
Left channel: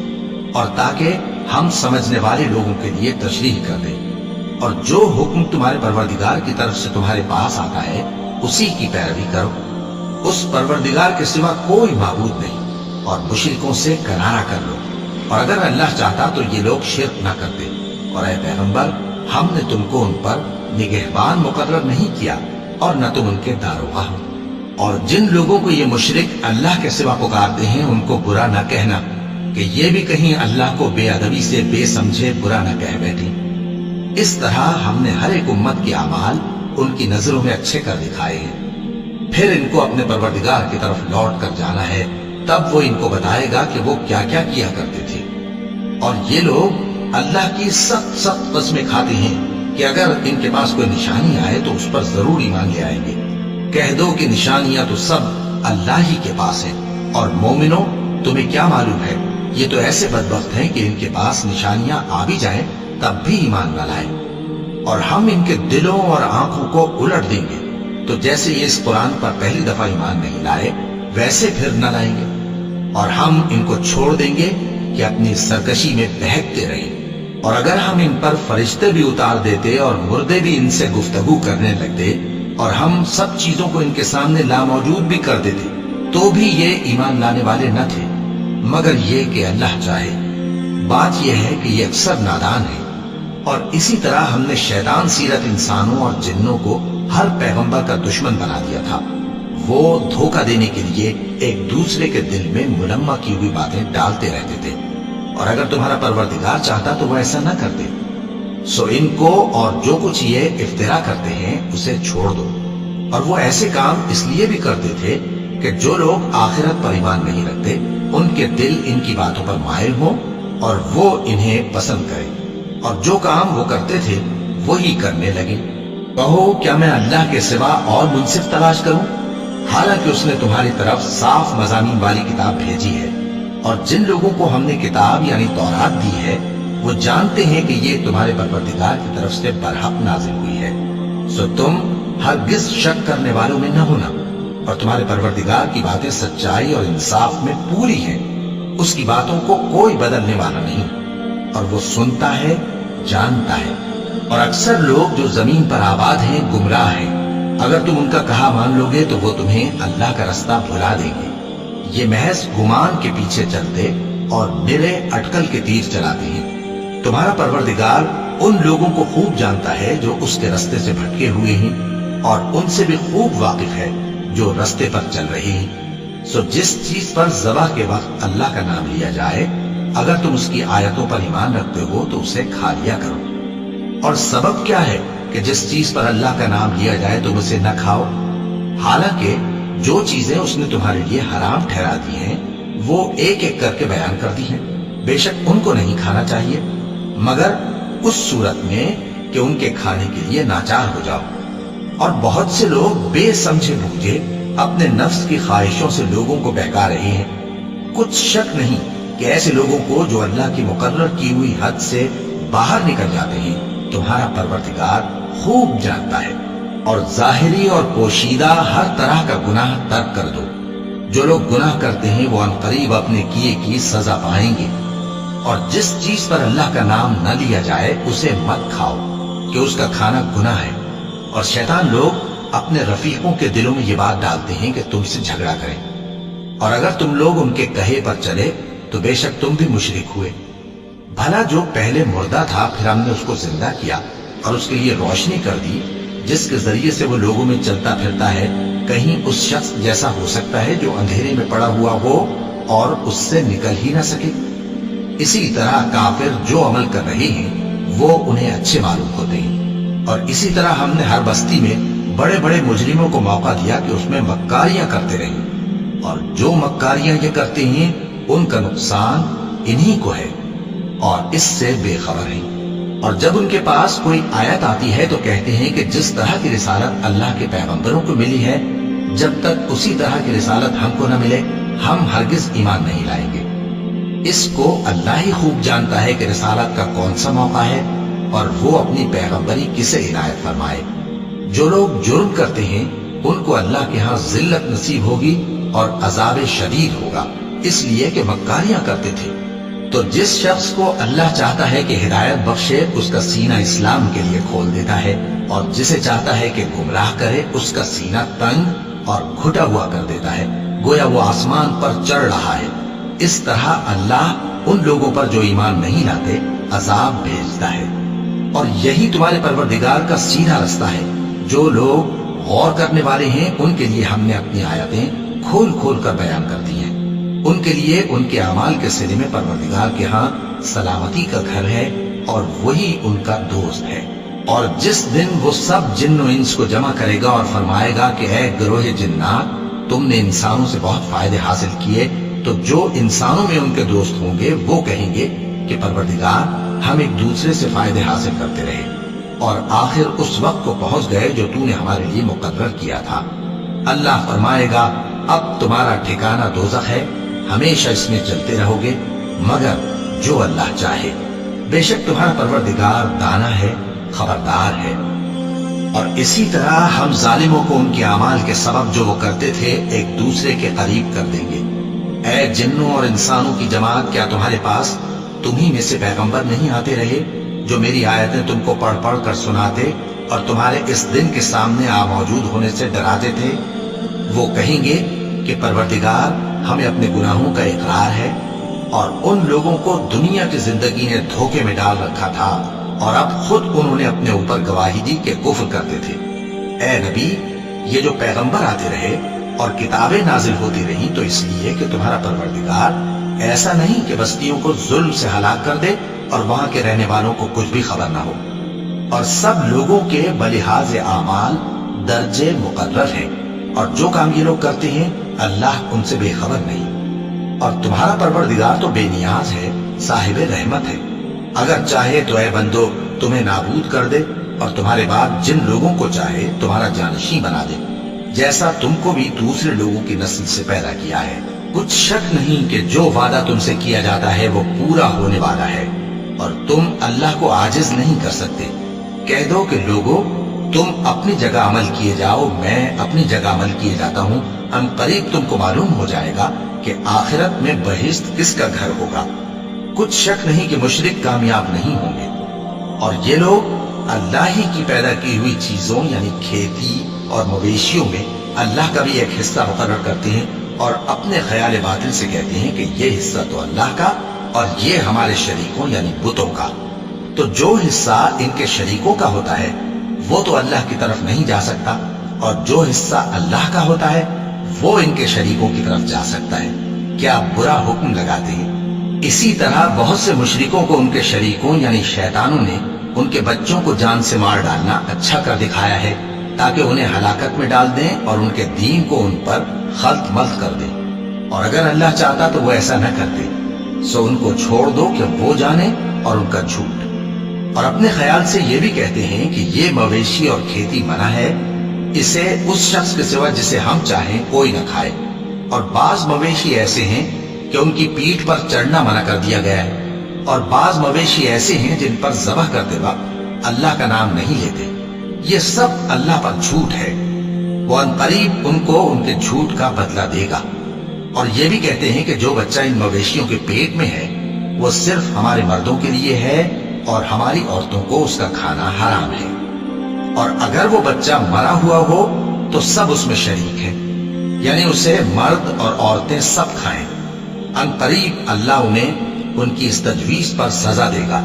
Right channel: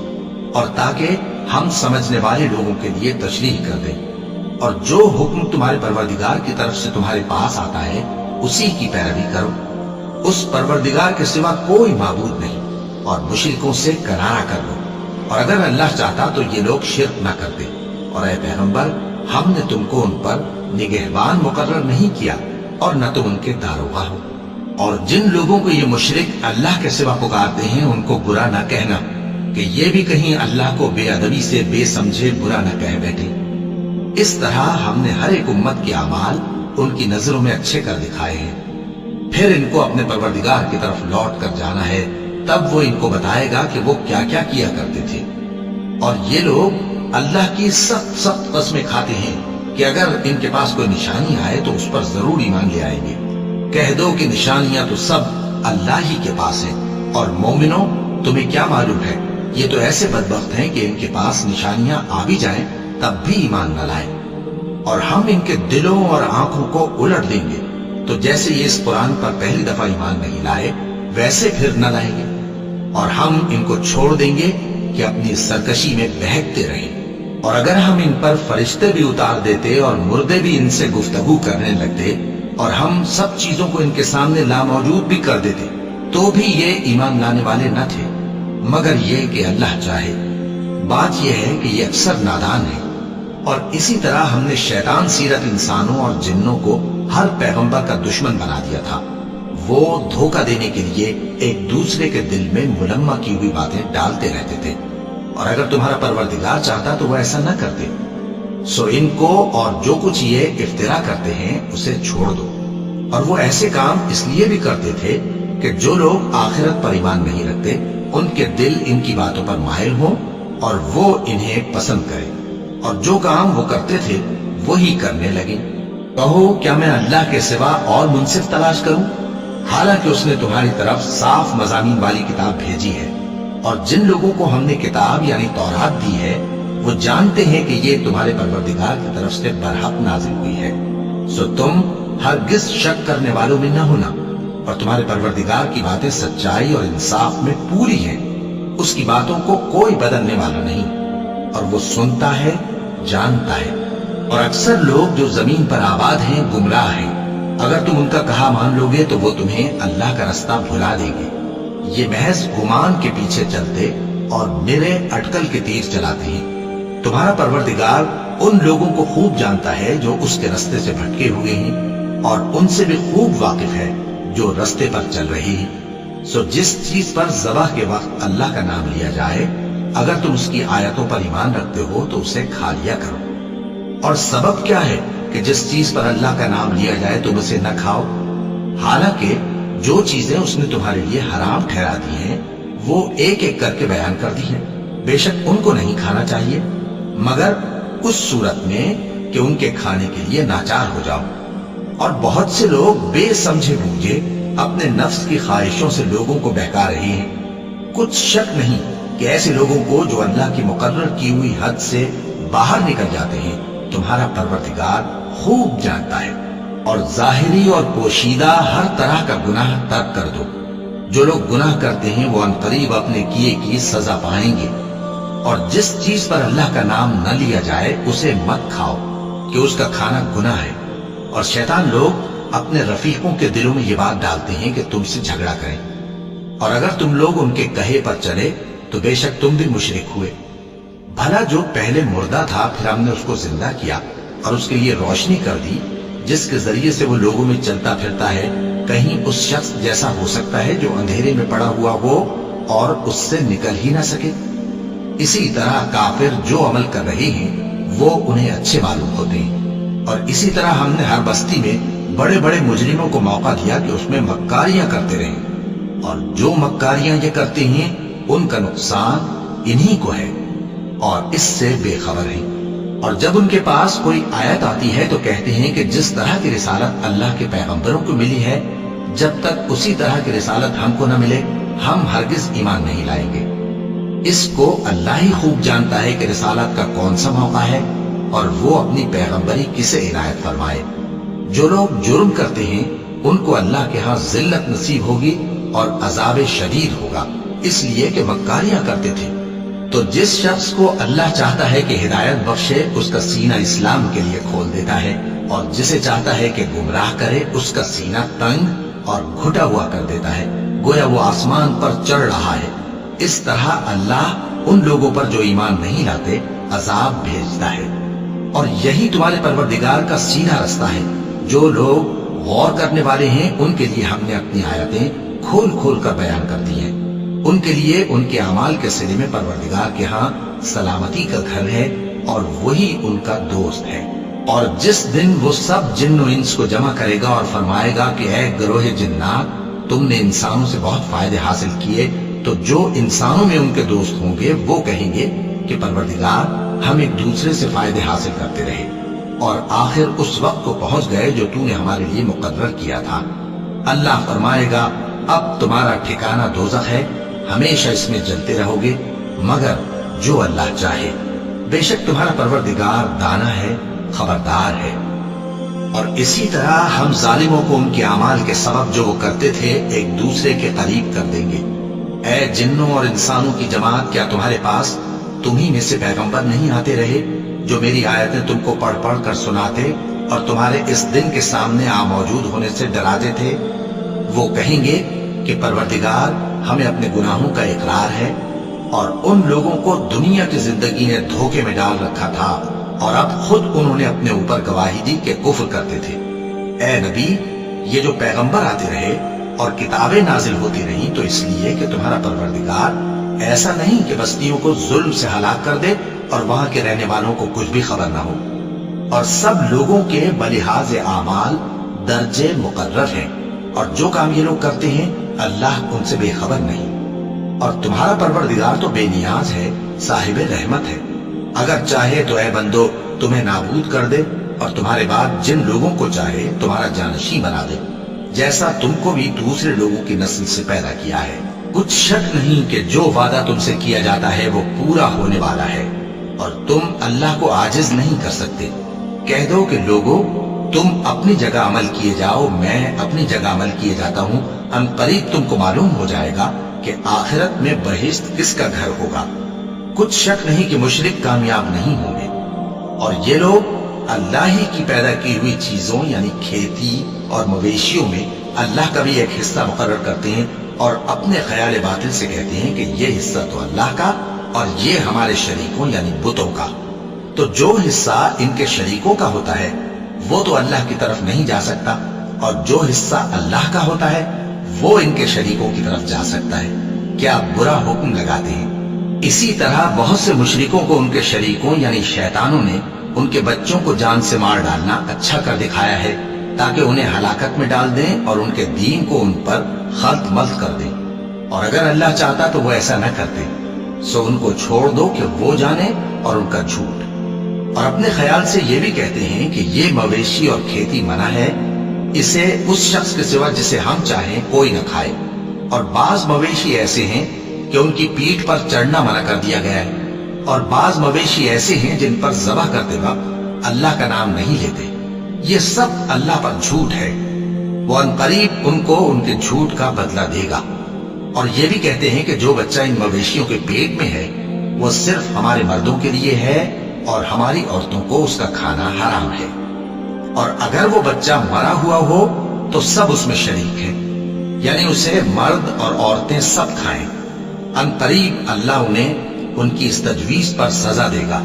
اور تاکہ ہم سمجھنے والے لوگوں کے لیے تشریح کر دیں۔ اور جو حکم تمہارے پروردگار کی طرف سے تمہارے پاس آتا ہے اسی کی پیروی کرو، اس پروردگار کے سوا کوئی معبود نہیں، اور مشرکوں سے کنارہ کر لو، اور اگر اللہ چاہتا تو یہ لوگ شرک نہ کرتے۔ اور اے پیغمبر، ہم نے تم کو ان پر نگہبان مقرر نہیں کیا، اور نہ تم ان کے داروغہ ہو۔ اور جن لوگوں کو یہ مشرک اللہ کے سوا پکارتے ہیں ان کو برا نہ کہنا، کہ یہ بھی کہیں اللہ کو بے ادبی سے بے سمجھے برا نہ کہہ بیٹھیں۔ اس طرح ہم نے ہر ایک امت کے اعمال ان کی نظروں میں اچھے کر دکھائے ہیں، پھر ان کو اپنے پروردگار کی طرف لوٹ کر جانا ہے، تب وہ ان کو بتائے گا کہ وہ کیا کیا کیا کرتے تھے۔ اور یہ لوگ اللہ کی سخت سخت قسمیں کھاتے ہیں کہ اگر ان کے پاس کوئی نشانی آئے تو اس پر ضرور ایمان لے آئیں گے۔ کہہ دو کہ نشانیاں تو سب اللہ ہی کے پاس ہیں، اور مومنوں تمہیں کیا معلوم ہے، یہ تو ایسے بدبخت ہیں کہ ان کے پاس نشانیاں آ بھی جائیں تب بھی ایمان نہ لائیں، اور ہم ان کے دلوں اور آنکھوں کو الٹ دیں گے، تو جیسے یہ اس قرآن پر پہلی دفعہ ایمان نہیں لائے ویسے پھر نہ لائیں گے، اور ہم ان کو چھوڑ دیں گے کہ اپنی سرکشی میں بہکتے رہیں۔ اور اگر ہم ان پر فرشتے بھی اتار دیتے اور مردے بھی ان سے گفتگو کرنے لگتے، اور ہم سب چیزوں کو ان کے سامنے لاموجود بھی کر دیتے، تو بھی یہ ایمان لانے والے نہ تھے، مگر یہ کہ اللہ چاہے۔ بات یہ ہے کہ یہ اکثر نادان ہے۔ اور اسی طرح ہم نے شیطان سیرت انسانوں اور جنوں کو ہر پیغمبر کا دشمن بنا دیا تھا۔ وہ دھوکہ دینے کے لیے ایک دوسرے کے دل میں ملمہ کی ہوئی باتیں ڈالتے رہتے تھے، اور اگر تمہارا پروردگار چاہتا تو وہ ایسا نہ کرتے۔ سو ان کو اور جو کچھ یہ افترا کرتے ہیں اسے چھوڑ دو۔ اور وہ ایسے کام اس لیے بھی کرتے تھے کہ جو لوگ آخرت پر ایمان نہیں رکھتے ان کے دل ان کی باتوں پر مائل ہوں اور وہ انہیں پسند کریں، اور جو کام وہ کرتے تھے وہی کرنے لگے۔ کہو کیا میں اللہ کے سوا اور منصف تلاش کروں، حالانکہ اس نے تمہاری طرف صاف مضامین والی کتاب بھیجی ہے، اور جن لوگوں کو ہم نے کتاب یعنی تورات دی ہے وہ جانتے ہیں کہ یہ تمہارے پروردگار کی طرف سے برحق نازل ہوئی ہے۔ سو تم ہرگز شک کرنے والوں میں نہ ہونا، اور تمہارے پروردگار کی باتیں سچائی اور انصاف میں پوری ہیں، اس کی باتوں کو کوئی بدلنے والا نہیں، اور وہ سنتا ہے، جانتا ہے۔ اور اکثر لوگ جو زمین پر آباد ہیں گمراہ ہیں، اگر تم ان کا کہا مان لو گے تو وہ تمہیں اللہ کا رستہ بھلا دیں گے۔ یہ محض گمان کے پیچھے چلتے اور نرے اٹکل کے تیر چلاتے ہیں۔ تمہارا پروردگار ان لوگوں کو خوب جانتا ہے جو اس کے رستے سے بھٹکے ہوئے ہیں، اور ان سے بھی خوب واقف ہے جو رستے پر چل رہے ہیں۔ سو جس چیز پر ذبح کے وقت اللہ کا نام لیا جائے، اگر تم اس کی آیتوں پر ایمان رکھتے ہو تو اسے کھا لیا کرو۔ اور سبب کیا ہے کہ جس چیز پر اللہ کا نام لیا جائے تم اسے نہ کھاؤ، حالانکہ جو چیزیں اس نے تمہارے لیے حرام ٹھہرا دی ہیں وہ ایک ایک کر کے بیان کر دی ہیں۔ بے شک ان کو نہیں کھانا چاہیے مگر اس صورت میں کہ ان کے کھانے کے لیے ناچار ہو جاؤ۔ اور بہت سے لوگ بے سمجھے بوجھے اپنے نفس کی خواہشوں سے لوگوں کو بہکا رہے ہیں۔ کچھ شک نہیں کہ ایسے لوگوں کو جو اللہ کی مقرر کی ہوئی حد سے باہر نکل جاتے ہیں تمہارا پروردگار خوب جانتا ہے۔ اور ظاہری اور پوشیدہ ہر طرح کا گناہ ترک کر دو۔ جو لوگ گناہ کرتے ہیں وہ عنقریب اپنے کیے کی سزا پائیں گے۔ اور جس چیز پر اللہ کا نام نہ لیا جائے اسے مت کھاؤ کہ اس کا کھانا گناہ ہے۔ اور شیطان لوگ اپنے رفیقوں کے دلوں میں یہ بات ڈالتے ہیں کہ تم سے جھگڑا کریں، اور اگر تم لوگ ان کے کہے پر چلے تو بے شک تم بھی مشرک ہوئے۔ بھلا جو پہلے مردہ تھا پھر ہم نے اس کو زندہ کیا اور اس کے لیے روشنی کر دی جس کے ذریعے سے وہ لوگوں میں چلتا پھرتا ہے، کہیں اس شخص جیسا ہو سکتا ہے جو اندھیرے میں پڑا ہوا ہو اور اس سے نکل ہی نہ سکے؟ اسی طرح کافر جو عمل کر رہے ہیں وہ انہیں اچھے معلوم ہوتے ہیں۔ اور اسی طرح ہم نے ہر بستی میں بڑے بڑے مجرموں کو موقع دیا کہ اس میں مکاریاں کرتے رہیں، اور جو مکاریاں یہ کرتے ہیں ان کا نقصان انہی کو ہے اور اس سے بے خبر ہیں۔ اور جب ان کے پاس کوئی آیت آتی ہے تو کہتے ہیں کہ جس طرح کی رسالت اللہ کے پیغمبروں کو ملی ہے، جب تک اسی طرح کی رسالت ہم کو نہ ملے ہم ہرگز ایمان نہیں لائیں گے۔ اس کو اللہ ہی خوب جانتا ہے کہ رسالت کا کون سا موقع ہے اور وہ اپنی پیغمبری کسے عنایت فرمائے۔ جو لوگ جرم کرتے ہیں ان کو اللہ کے ہاں ذلت نصیب ہوگی اور عذاب شدید ہوگا، اس لیے کہ مکاریاں کرتے تھے۔ تو جس شخص کو اللہ چاہتا ہے کہ ہدایت بخشے اس کا سینہ اسلام کے لیے کھول دیتا ہے، اور جسے چاہتا ہے کہ گمراہ کرے اس کا سینہ تنگ اور گھٹا ہوا کر دیتا ہے، گویا وہ آسمان پر چڑھ رہا ہے۔ اس طرح اللہ ان لوگوں پر جو ایمان نہیں لاتے عذاب بھیجتا ہے۔ اور یہی تمہارے پروردگار کا سیدھا رستہ ہے۔ جو لوگ غور کرنے والے ہیں ان کے لیے ہم نے اپنی آیتیں کھول کھول کر بیان کر دی ہیں۔ ان کے لیے ان کے اعمال کے صلے میں پروردگار کے ہاں سلامتی کا گھر ہے اور وہی ان کا دوست ہے۔ اور جس دن وہ سب جن و انس کو جمع کرے گا اور فرمائے گا کہ اے گروہ جنات، تم نے انسانوں سے بہت فائدے حاصل کیے، تو جو انسانوں میں ان کے دوست ہوں گے وہ کہیں گے کہ پروردگار ہم ایک دوسرے سے فائدے حاصل کرتے رہے اور آخر اس وقت کو پہنچ گئے جو تو نے ہمارے لیے مقرر کیا تھا۔ اللہ فرمائے گا اب تمہارا ٹھکانہ دوزخ ہے، ہمیشہ اس میں جلتے رہو گے مگر جو اللہ چاہے، بے شک تمہارا پروردگار دانا ہے، خبردار ہے۔ اور اسی طرح ہم ظالموں کو ان کے اعمال کے سبب جو وہ کرتے تھے ایک دوسرے کے قریب کر دیں گے۔ اے جنوں اور انسانوں کی جماعت، کیا تمہارے پاس تمہیں میں سے پیغمبر نہیں آتے رہے جو میری آیتیں تم کو پڑھ پڑھ کر سناتے اور تمہارے اس دن کے سامنے موجود ہونے سے ڈراتے تھے؟ وہ کہیں گے کہ پروردگار ہمیں اپنے گناہوں کا اقرار ہے، اور ان لوگوں کو دنیا کی زندگی نے دھوکے میں ڈال رکھا تھا اور اب خود انہوں نے اپنے اوپر گواہی دی کہ کفر کرتے تھے۔ اے نبی، یہ جو پیغمبر آتے رہے اور کتابیں نازل ہوتی رہیں تو اس لیے کہ تمہارا پروردگار ایسا نہیں کہ بستیوں کو ظلم سے ہلاک کر دے اور وہاں کے رہنے والوں کو کچھ بھی خبر نہ ہو۔ اور سب لوگوں کے بلحاظ اعمال درجے مقرر ہیں، اور جو کام یہ لوگ کرتے ہیں اللہ ان سے بے خبر نہیں۔ اور تمہارا پروردگار تو بے نیاز ہے، صاحب رحمت ہے۔ اگر چاہے تو اے بندو تمہیں نابود کر دے اور تمہارے بعد جن لوگوں کو چاہے تمہارا جانشین بنا دے، جیسا تم کو بھی دوسرے لوگوں کی نسل سے پیدا کیا ہے۔ کچھ شک نہیں کہ جو وعدہ تم سے کیا جاتا ہے وہ پورا ہونے والا ہے، اور تم اللہ کو عاجز نہیں کر سکتے۔ کہہ دو کہ لوگو تم اپنی جگہ عمل کیے جاؤ، میں اپنی جگہ عمل کیے جاتا ہوں، ان قریب تم کو معلوم ہو جائے گا کہ آخرت میں بہشت کس کا گھر ہوگا۔ کچھ شک نہیں کہ مشرک کامیاب نہیں ہوں گے۔ اور یہ لوگ اللہ ہی کی پیدا کی ہوئی چیزوں یعنی کھیتی اور مویشیوں میں اللہ کا بھی ایک حصہ مقرر کرتے ہیں اور اپنے خیال باطل سے کہتے ہیں کہ یہ حصہ تو اللہ کا اور یہ ہمارے شریکوں یعنی بتوں کا۔ تو جو حصہ ان کے شریکوں کا ہوتا ہے وہ تو اللہ کی طرف نہیں جا سکتا، اور جو حصہ اللہ کا ہوتا ہے وہ ان کے شریکوں کی طرف جا سکتا ہے۔ کیا برا حکم لگاتے ہیں؟ اسی طرح بہت سے مشرکوں کو ان کے شریکوں یعنی شیطانوں نے ان کے بچوں کو جان سے مار ڈالنا اچھا کر دکھایا ہے تاکہ انہیں ہلاکت میں ڈال دیں اور ان کے دین کو ان پر خلط ملط کر دیں، اور اگر اللہ چاہتا تو وہ ایسا نہ کرتے۔ سو ان کو چھوڑ دو کہ وہ جانے اور ان کا جھوٹ۔ اور اپنے خیال سے یہ بھی کہتے ہیں کہ یہ مویشی اور کھیتی منع ہے، اسے اس شخص کے سوا جسے ہم چاہیں کوئی نہ کھائے۔ اور بعض مویشی ایسے ہیں کہ ان کی پیٹھ پر چڑھنا منع کر دیا گیا ہے، اور بعض مویشی ایسے ہیں جن پر ذبح کرتے وقت اللہ کا نام نہیں لیتے۔ یہ سب اللہ پر جھوٹ ہے، وہ ان قریب ان کو ان کے جھوٹ کا بدلہ دے گا۔ اور یہ بھی کہتے ہیں کہ جو بچہ ان مویشیوں کے پیٹ میں ہے وہ صرف ہمارے مردوں کے لیے ہے اور ہماری عورتوں کو اس کا کھانا حرام ہے، اور اگر وہ بچہ مرا ہوا ہو تو سب اس میں شریک ہیں، یعنی اسے مرد اور عورتیں سب کھائیں۔ ان قریب اللہ انہیں ان کی اس تجویز پر سزا دے گا،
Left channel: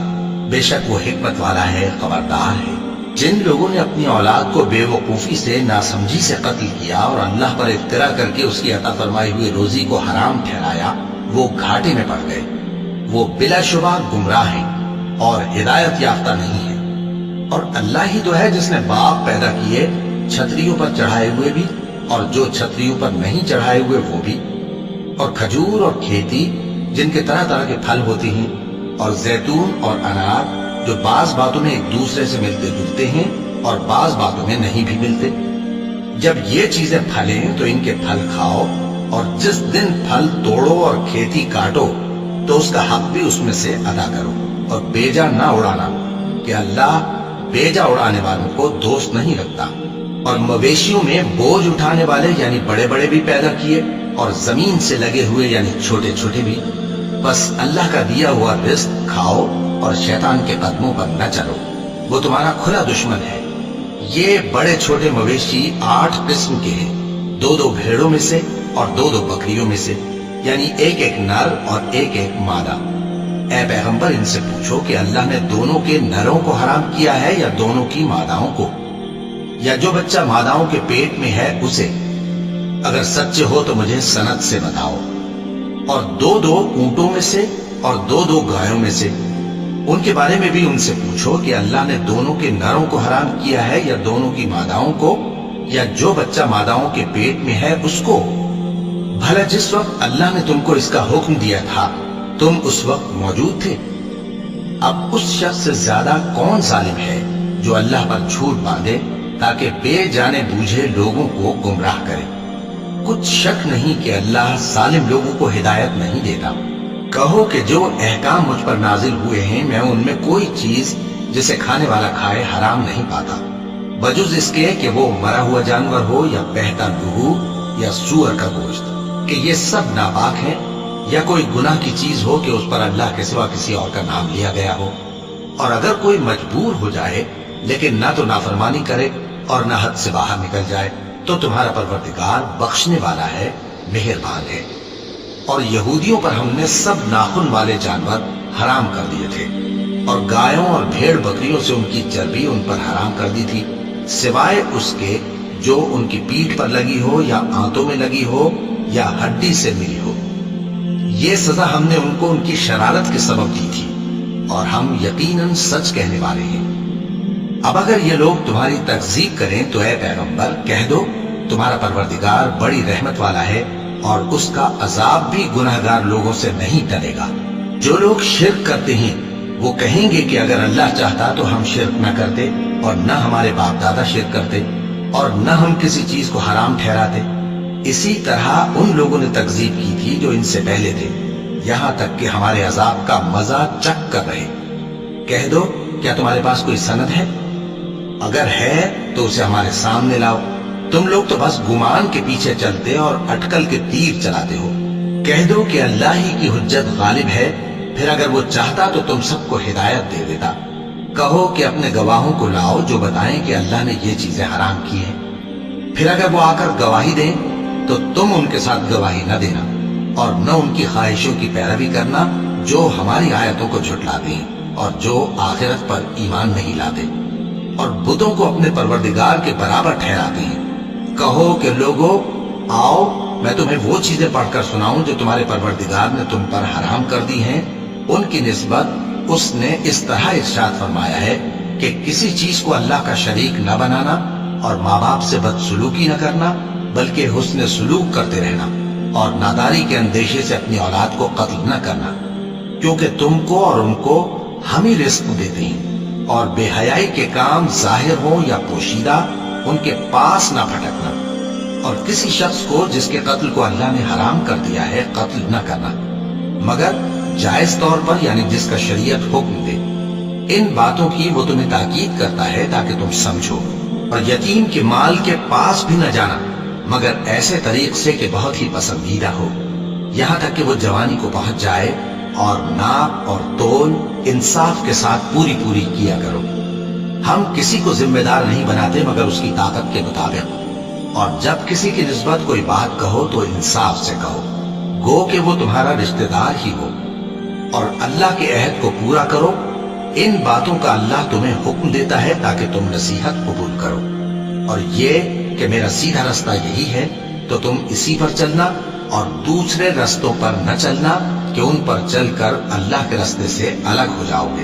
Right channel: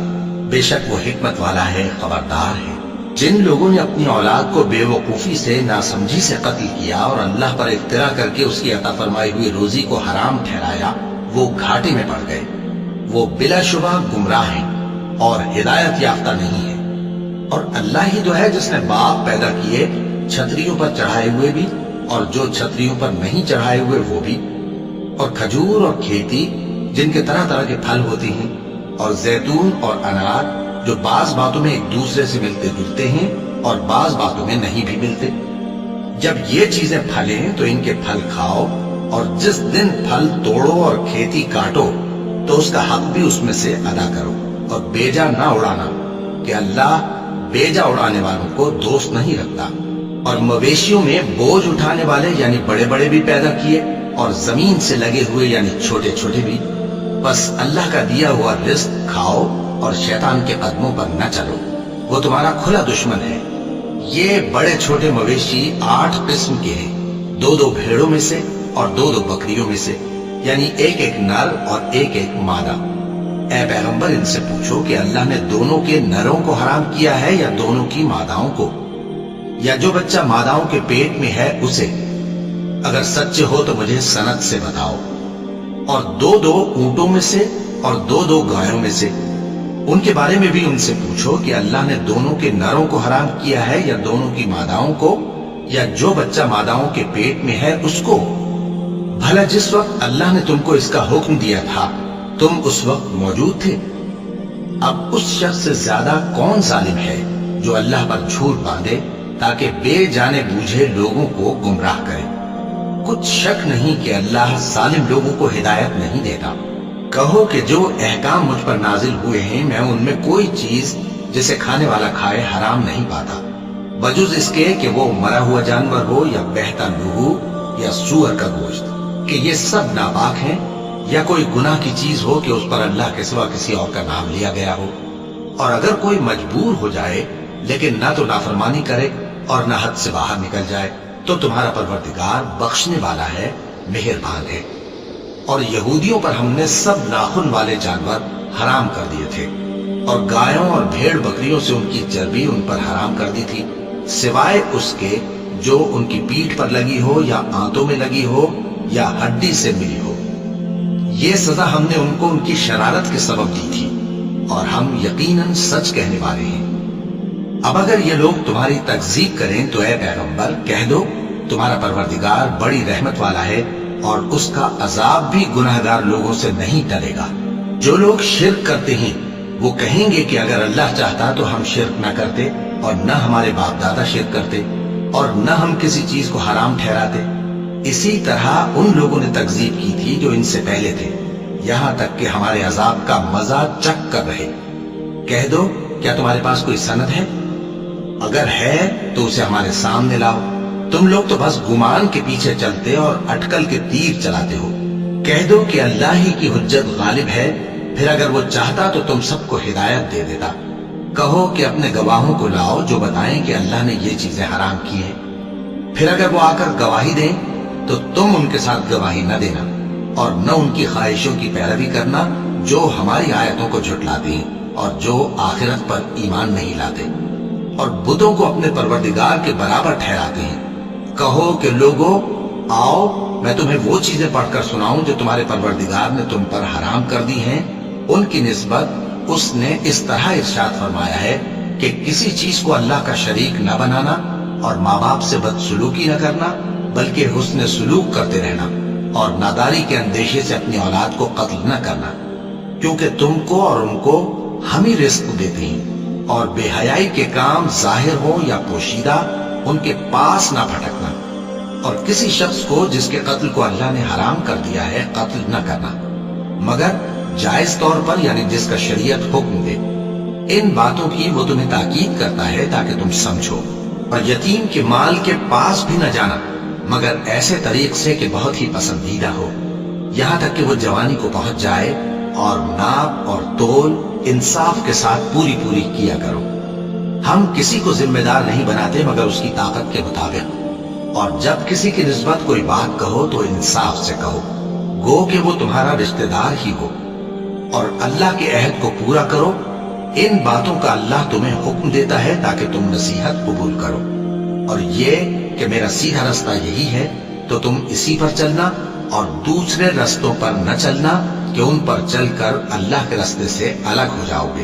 بے شک وہ حکمت والا ہے، خبردار ہے۔ جن لوگوں نے اپنی اولاد کو بے وقوفی سے ناسمجھی سے قتل کیا اور اللہ پر افترا کر کے اس کی عطا فرمائی ہوئی روزی کو حرام ٹھہرایا، وہ گھاٹے میں پڑ گئے، وہ بلا شبہ گمراہ ہیں۔ اور ہدایت یافتہ نہیں ہے۔ اور اللہ ہی تو ہے جس نے باغ پیدا کیے، چھتریوں پر چڑھائے ہوئے بھی اور جو چھتریوں پر نہیں چڑھائے ہوئے وہ بھی، اور کھجور اور کھیتی جن کے طرح طرح کے پھل ہوتے ہیں، اور زیتون اور انار جو بعض باتوں میں ایک دوسرے سے ملتے جلتے ہیں اور بعض باتوں میں نہیں بھی ملتے۔ جب یہ چیزیں پھلیں تو ان کے پھل کھاؤ، اور جس دن پھل توڑو اور کھیتی کاٹو تو اس کا حق بھی اس میں سے ادا کرو، اور بیجا نہ اڑانا کہ اللہ بیجا اڑانے والوں کو دوست نہیں رکھتا۔ اور مویشیوں میں بوجھ اٹھانے والے یعنی بڑے بڑے بھی پیدا کیے، اور زمین سے لگے ہوئے یعنی چھوٹے چھوٹے بھی۔ بس اللہ کا دیا ہوا رزق کھاؤ اور شیطان کے قدموں پر نہ چلو، وہ تمہارا کھلا دشمن ہے۔ یہ بڑے چھوٹے مویشی 8 قسم کے ہیں، 2 بھیڑوں میں سے اور 2 بکریوں میں سے، یعنی ایک نر اور ایک مادہ۔ اے پیغمبر ان سے پوچھو کہ اللہ نے دونوں کے نروں کو حرام کیا ہے یا دونوں کی ماداؤں کو، یا جو بچہ ماداؤں کے پیٹ میں ہے اسے؟ اگر سچے ہو تو مجھے سند سے بتاؤ۔ اور 2 اونٹوں میں سے اور 2 گایوں میں سے، ان کے بارے میں بھی ان سے پوچھو کہ اللہ نے دونوں کے نروں کو حرام کیا ہے یا دونوں کی ماداؤں کو، یا جو بچہ ماداؤں کے پیٹ میں ہے اس کو؟ بھلا جس وقت اللہ نے تم کو اس کا حکم دیا تھا تم اس وقت موجود تھے؟ اب اس شخص سے زیادہ کون ظالم ہے جو اللہ پر جھوٹ باندھے تاکہ بے جانے بوجھے لوگوں کو گمراہ کرے؟ کچھ شک نہیں کہ اللہ ظالم لوگوں کو ہدایت نہیں دیتا۔ کہو کہ جو احکام مجھ پر نازل ہوئے ہیں میں ان میں کوئی چیز جسے کھانے والا کھائے حرام نہیں پاتا، بجز اس کے کہ وہ مرا ہوا جانور ہو یا بہتا لہو یا سور کا گوشت، کہ یہ سب ناپاک ہیں، یا کوئی گناہ کی چیز ہو کہ اس پر اللہ کے سوا کسی اور کا نام لیا گیا ہو۔ اور اگر کوئی مجبور ہو جائے لیکن نہ تو نافرمانی کرے اور نہ حد سے باہر نکل جائے تو تمہارا پروردگار بخشنے والا ہے، مہربان ہے۔ اور یہودیوں پر ہم نے سب ناخن والے جانور حرام کر دیے تھے، اور گایوں اور بھیڑ بکریوں سے ان کی چربی ان پر حرام کر دی تھی، سوائے اس کے جو ان کی پیٹھ پر لگی ہو یا آنتوں میں لگی ہو یا ہڈی سے ملی ہو۔ یہ سزا ہم نے ان کو ان کی شرارت کے سبب دی تھی، اور ہم یقیناً سچ کہنے والے ہیں۔ اب اگر یہ لوگ تمہاری تکذیب کریں تو اے پیغمبر کہہ دو تمہارا پروردگار بڑی رحمت والا ہے، اور اس کا عذاب بھی گناہگار لوگوں سے نہیں ٹلے گا۔ جو لوگ شرک کرتے ہیں وہ کہیں گے کہ اگر اللہ چاہتا تو ہم شرک نہ کرتے، اور نہ ہمارے باپ دادا شرک کرتے، اور نہ ہم کسی چیز کو حرام ٹھہراتے۔ اسی طرح ان لوگوں نے تکذیب کی تھی جو ان سے پہلے تھے، یہاں تک کہ ہمارے عذاب کا مزہ چکھ کر رہے۔ کہہ دو کیا تمہارے پاس کوئی سند ہے؟ اگر ہے تو اسے ہمارے سامنے لاؤ۔ تم لوگ تو بس گمان کے پیچھے چلتے اور اٹکل کے تیر چلاتے ہو۔ کہہ دو کہ اللہ ہی کی حجت غالب ہے، پھر اگر وہ چاہتا تو تم سب کو ہدایت دے دیتا۔ کہو کہ اپنے گواہوں کو لاؤ جو بتائیں کہ اللہ نے یہ چیزیں حرام کی ہیں، پھر اگر وہ آ کر گواہی دیں تو تم ان کے ساتھ گواہی نہ دینا، اور نہ ان کی خواہشوں کی پیروی کرنا جو ہماری آیتوں کو جھٹلاتے ہیں اور جو آخرت پر ایمان نہیں لاتے، اور بتوں کو اپنے پروردگار کے برابر ٹھہراتے ہیں۔ کہو کہ لوگو آؤ میں تمہیں وہ چیزیں پڑھ کر سناؤں جو تمہارے پروردگار نے تم پر حرام کر دی ہیں۔ ان کی نسبت اس نے اس طرح ارشاد فرمایا ہے کہ کسی چیز کو اللہ کا شریک نہ بنانا، اور ماں باپ سے بدسلوکی نہ کرنا بلکہ حسن سلوک کرتے رہنا، اور ناداری کے اندیشے سے اپنی اولاد کو قتل نہ کرنا، کیونکہ تم کو اور ان کو ہم ہی رزق دیتے ہیں۔ اور بے حیائی کے کام ظاہر ہو یا پوشیدہ ان کے پاس نہ پھٹکنا، اور کسی شخص کو جس کے قتل کو اللہ نے حرام کر دیا ہے قتل نہ کرنا، مگر جائز طور پر یعنی جس کا شریعت حکم دے۔ ان باتوں کی وہ تمہیں تاکید کرتا ہے تاکہ تم سمجھو۔ اور یتیم کے مال کے پاس بھی نہ جانا مگر ایسے طریق سے کہ بہت ہی پسندیدہ ہو، یہاں تک کہ وہ جوانی کو پہنچ جائے، اور ناپ اور تول انصاف کے ساتھ پوری پوری کیا کرو۔ ہم کسی کو ذمہ دار نہیں بناتے مگر اس کی طاقت کے مطابق، اور جب کسی کی نسبت کوئی بات کہو تو انصاف سے کہو، گو کہ وہ تمہارا رشتہ دار ہی ہو، اور اللہ کے عہد کو پورا کرو۔ ان باتوں کا اللہ تمہیں حکم دیتا ہے تاکہ تم نصیحت قبول کرو، اور یہ کہ میرا سیدھا رستہ یہی ہے تو تم اسی پر چلنا، اور دوسرے رستوں پر نہ چلنا کہ ان پر چل کر اللہ کے رستے سے الگ ہو جاؤ گے۔